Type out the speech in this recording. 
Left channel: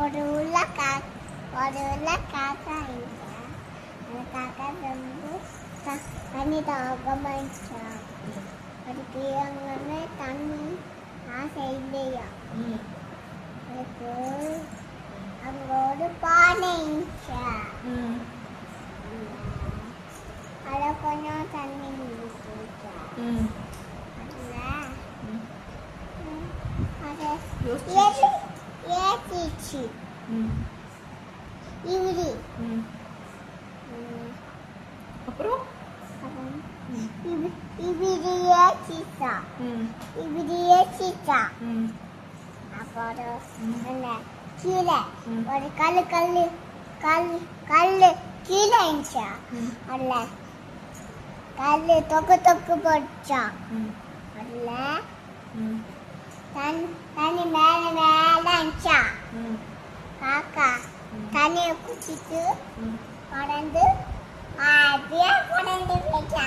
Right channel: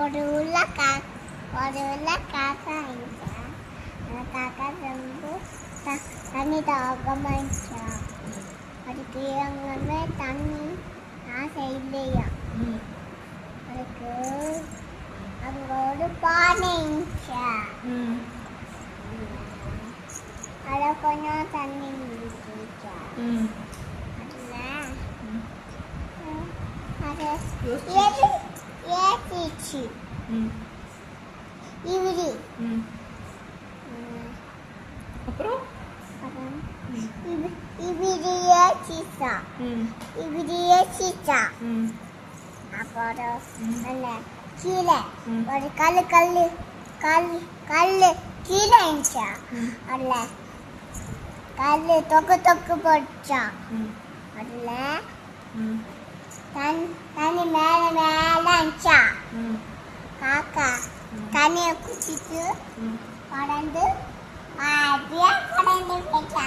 ஒரு உள்ள காக்கா இருந்துச்சா. அந்த காக்கா வந்து தண்ணி தாகமாயிடுச்சா. அதுக்கு அங்கே தண்ணி ஆசை இல்லையா. அதுக்கு அங்கே ஒரு பானை இருந்துச்சா. அதில் கொஞ்சம் தண்ணி இருந்துச்சா. அதில் அதை ஏற்றிச்சு. இவரு அப்புறம் இவரு ஏற்றிச்சா. அப்புறம் கீழே ஒரு கல்லு கீழே இருந்துச்சா. அதில் கல்லு தொக்கு போட்டுச்சா. அதில் தண்ணி மேலே இருந்துச்சா. காக்கா தண்ணியை குடிச்சிட்டு பறந்து போயிட்டா.